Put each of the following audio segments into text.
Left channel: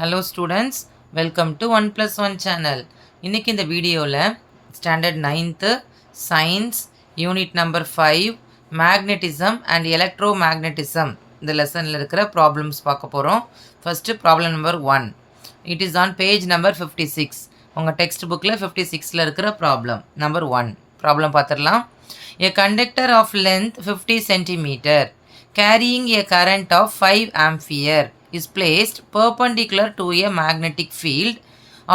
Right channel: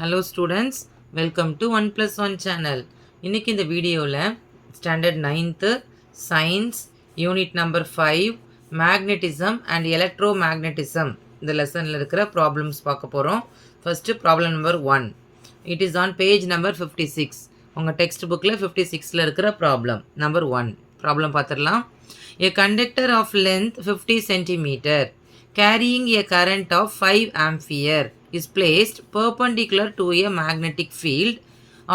Hello students, welcome to 1 plus 1 channel. இன்னைக்கு இந்த வீடியோவில் standard 9th science unit number 5 magnetism and electromagnetism இந்த லெசனில் இருக்கிற ப்ராப்ளம்ஸ் பார்க்க போகிறோம். First problem number 1. It is on page number 56. உங்கள் டெக்ஸ்ட் புக்கில் 56ல் இருக்கிற ப்ராப்ளம் நம்பர் 1. ப்ராப்ளம் பார்த்துடலாம். A conductor of length 50 centimeter carrying a current of 5 ampere is placed perpendicular to a magnetic field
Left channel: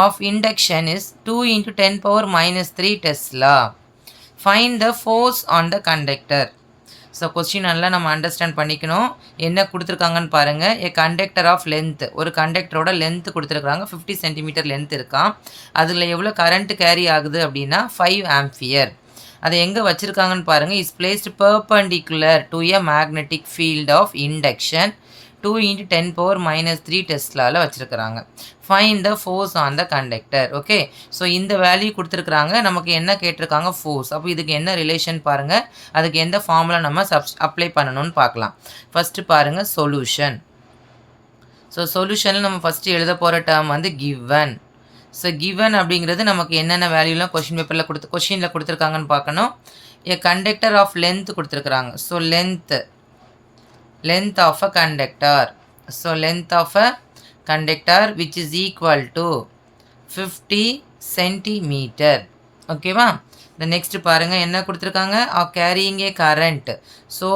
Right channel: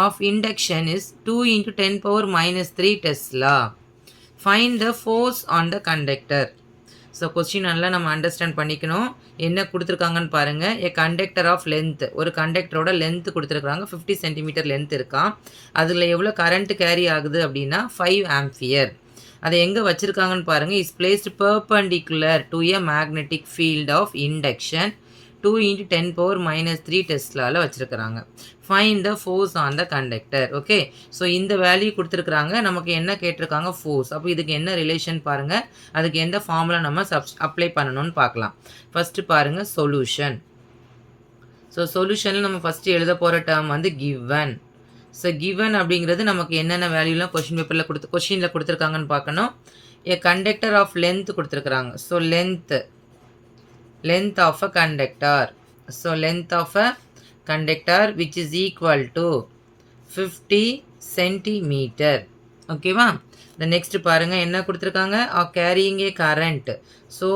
of induction is 2 into 10 power minus 3 Tesla. Find the force on the conductor. So question நல்லா நம்ம understand பண்ணிக்கணும். என்ன கொடுத்துருக்காங்கன்னு பாருங்கள். ஏ conductor of length, ஒரு கண்டக்டரோட length கொடுத்துருக்குறாங்க. 50 centimetre length இருக்கான். அதில் எவ்வளோ கரண்ட் கேரி ஆகுது அப்படின்னா 5 ஆம்பியர். அதை எங்கே வச்சுருக்காங்கன்னு பாருங்கள். Is placed perpendicular to a magnetic field of induction 2 into 10 power minus 3 டெஸ்லாவில் வச்சுருக்கிறாங்க. Find the force on the conductor. Okay, so இந்த வேல்யூ கொடுத்துருக்குறாங்க. நமக்கு என்ன கேட்டிருக்காங்க? ஃபோர்ஸ். அப்போ இதுக்கு என்ன ரிலேஷன் பாருங்கள். அதுக்கு எந்த ஃபார்முலா நம்ம அப்ளை பண்ணணும்னு பார்க்கலாம். ஃபஸ்ட்டு பாருங்கள் சொல்யூஷன். ஸோ சொல்யூஷனில் நம்ம ஃபஸ்ட்டு எழுத போகிற டேர்ம் வந்து கிவன். ஸோ கிவன் அப்படிங்கிறது நமக்கு என்னென்ன வேல்யூலாம் கொஷினில் கொடுத்துருக்காங்கன்னு பார்க்கணும். ஏ கண்டக்டர் ஆஃப் லென்த் கொடுத்துருக்குறாங்க. So length of a conductor. So length of a conductor which is equal to 50 centimeter. ஓகேவா? the next பாருங்க என்ன கொடுத்துருக்காங்க? carrying a current. ஸோ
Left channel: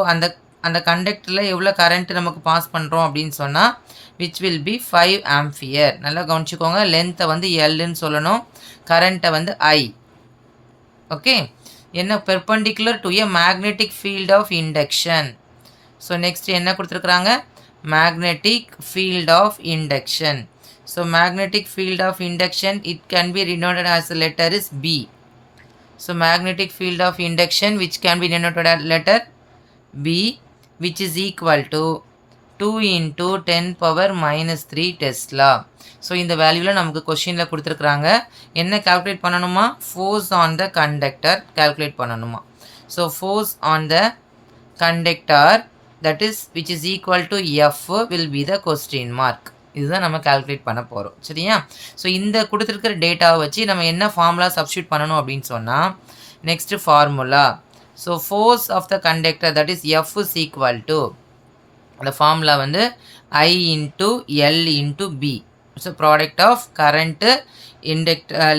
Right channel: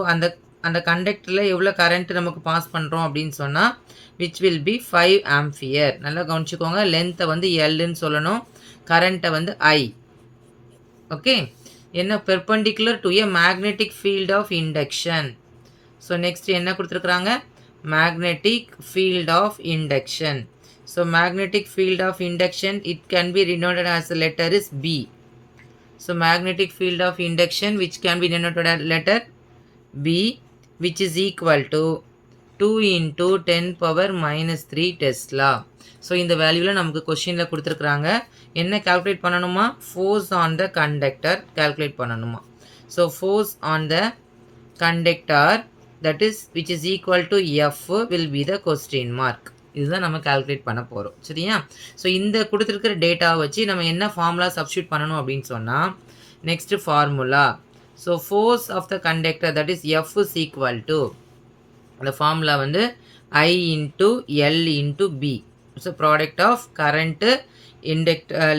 அந்த கண்டக்டரில் எவ்வளோ கரண்ட் நமக்கு பாஸ் பண்ணுறோம் அப்படின்னு சொன்னால் which will be 5 ampere. நல்லா கவனிச்சுக்கோங்க. லென்த்தை வந்து எல்லுன்னு சொல்லணும், கரண்ட்டை வந்து ஐ. ஓகே, என்ன perpendicular to a magnetic field of induction. So next என்ன கொடுத்துருக்குறாங்க? Magnetic field of induction. So magnetic field of induction it can be denoted as the letter is B. So magnetic field of induction which can be denoted as letter B which is equal to 2 into 10 power minus 3 Tesla. So இந்த வேல்யூவில் நமக்கு கொஷினில் கொடுத்துருக்குறாங்க. என்ன calculate பண்ணணுமா? Force on the conductor calculate பண்ணணுமா? So force on the conductor that is which is equal to F will be the question mark. இதுதான் நம்ம கால்குலேட் பண்ண போகிறோம். சரியா? ஸோ இந்த கொடுத்துருக்கிற டேட்டாவை வச்சு நம்ம என்ன ஃபார்முலா சப்ஸ்டியூட் பண்ணணும் அப்படின்னு சொன்னால் next formula. So force of the conductor that is F is equal to அந்த ஃபார்முலா வந்து I into L into B. So product of current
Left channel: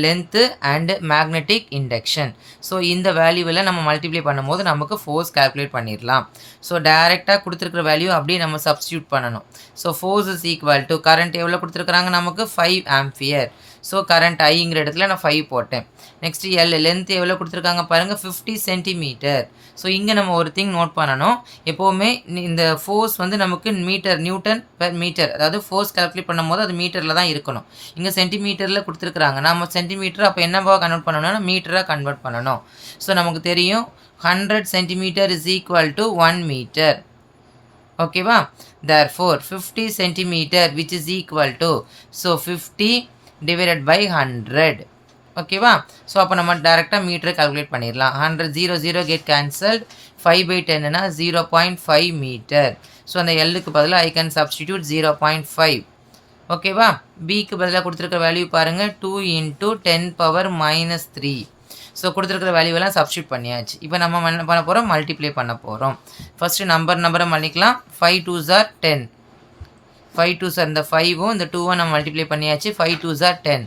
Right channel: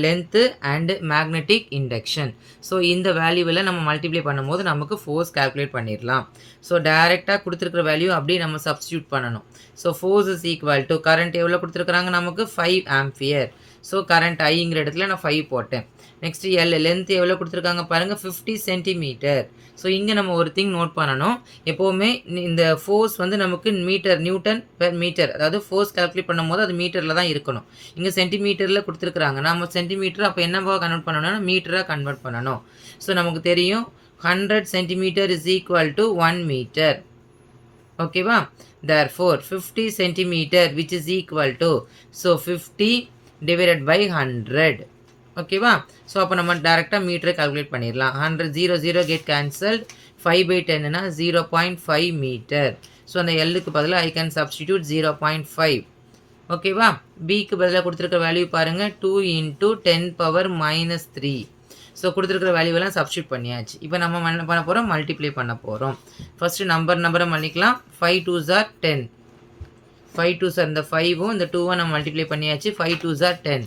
length and magnetic induction. So இந்த வேல்யூவில் நம்ம மல்டிப்ளை பண்ணும்போது நமக்கு ஃபோர்ஸ் கால்குலேட் பண்ணிடலாம். So டைரெக்டாக கொடுத்துருக்குற வேல்யூ அப்படியே நம்ம சப்ஸ்டியூட் பண்ணணும். So force is equal to current எவ்வளோ கொடுத்துருக்குறாங்க நமக்கு 5 ஆம்பியர். ஸோ கரண்ட் ஐங்கிற இடத்துல நான் 5 போட்டேன். நெக்ஸ்ட்டு எல் லென்த் எவ்வளோ கொடுத்துருக்காங்க பாருங்கள் 50 சென்டிமீட்டர். ஸோ இங்கே நம்ம ஒரு திங் நோட் பண்ணணும். எப்போவுமே இந்த ஃபோர்ஸ் வந்து நமக்கு நியூட்டன் பெர் மீட்டர், அதாவது ஃபோர்ஸ் கால்குலேட் பண்ணும்போது அது மீட்டரில் தான் இருக்கணும். இங்கே சென்டிமீட்டரில் கொடுத்துருக்குறாங்க. நம்ம சென்டிமீட்டர் அப்போ என்னவா கன்வெர்ட் பண்ணணும்னா மீட்டராக கன்வெர்ட் பண்ணணும். ஸோ நமக்கு தெரியும் 100 centimetre is equal to 1 metre. ஓகேவா? therefore 50 centimetre which is equal to so 50 divided by 100. ஓகேவா? ஸோ அப்போ நம்ம டேரெக்டாக மீட்டரை கால்குலேட் பண்ணிடலாம். 100 0 கெட் கேன்சல்ட். 5/10னா 0.5 மீட்டர். ஸோ அந்த எல்லுக்கு பதிலாக ஐ கேன் சப்ஸ்டிடியூட் 0.5. ஓகேவா? பிக்கு பதிலாக கொடுத்துருக்க வேல்யூ பாருங்கள் 2 into 10 power minus 3. ஸோ கொடுத்துருக்குற வேல்யூவெல்லாம் சப்ஸ்டியூட் பண்ணியாச்சு. இப்போ நம்ம என்ன பண்ண போகிறோம்? மல்டிப்ளை பண்ண போகிறோம். ஃபஸ்ட்டு நம்பரை மல்லிக்கலாம். 5 2s are 10. 5 2s are இந்த 5ம் இந்த 2வும் நம்ம மல்டிப்ளை பண்ணியாச்சு. 5 2s are 10.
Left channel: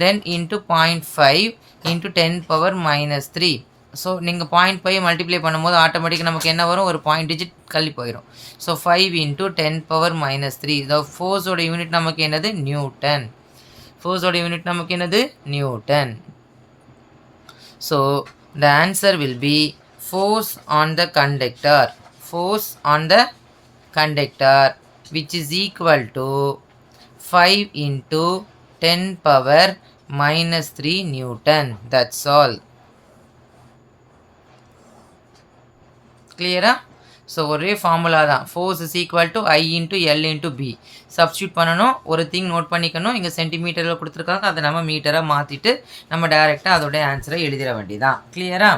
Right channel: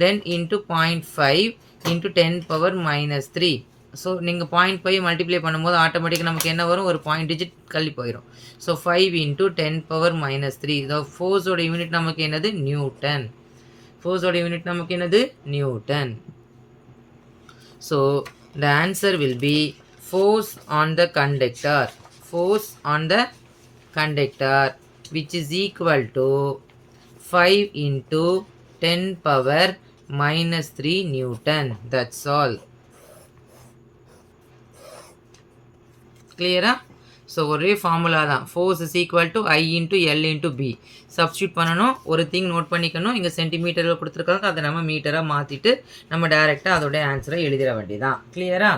Then into 0.5 into 10 power minus 3. So நீங்கள் 0.5 மல்டிப்ளை பண்ணும்போது ஆட்டோமேட்டிக்காக நமக்கு என்ன வரும்? ஒரு பாயிண்ட் டிஜிட் கள்ளி போயிடும். So 5 into 10 power minus 3. இந்த ஃபோர்ஸோட யூனிட் நமக்கு என்னது? நியூட்டன். ஃபோர்ஸோட யூனிட் நமக்கு என்னது? Newton. So the answer will be force on the conductor. Force on the conductor which is equal to 5 into 10 power minus 3 Newton. That's all. Clear? So ஒரே formula தான். Force is equal to I into L into B. Substitute பண்ணணும். ஒரு thing note பண்ணிக்கணும். இங்கே சென்டிமீட்டரில் கொடுத்துருக்காங்க, அதை நம்ம மீட்டராக மாற்றிட்டு நம்ம டைரெக்டாக அதோடைய ஆன்சரை எழுதிட வேண்டியதான். கிளியரா?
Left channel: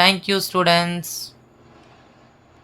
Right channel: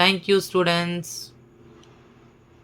Thank you students.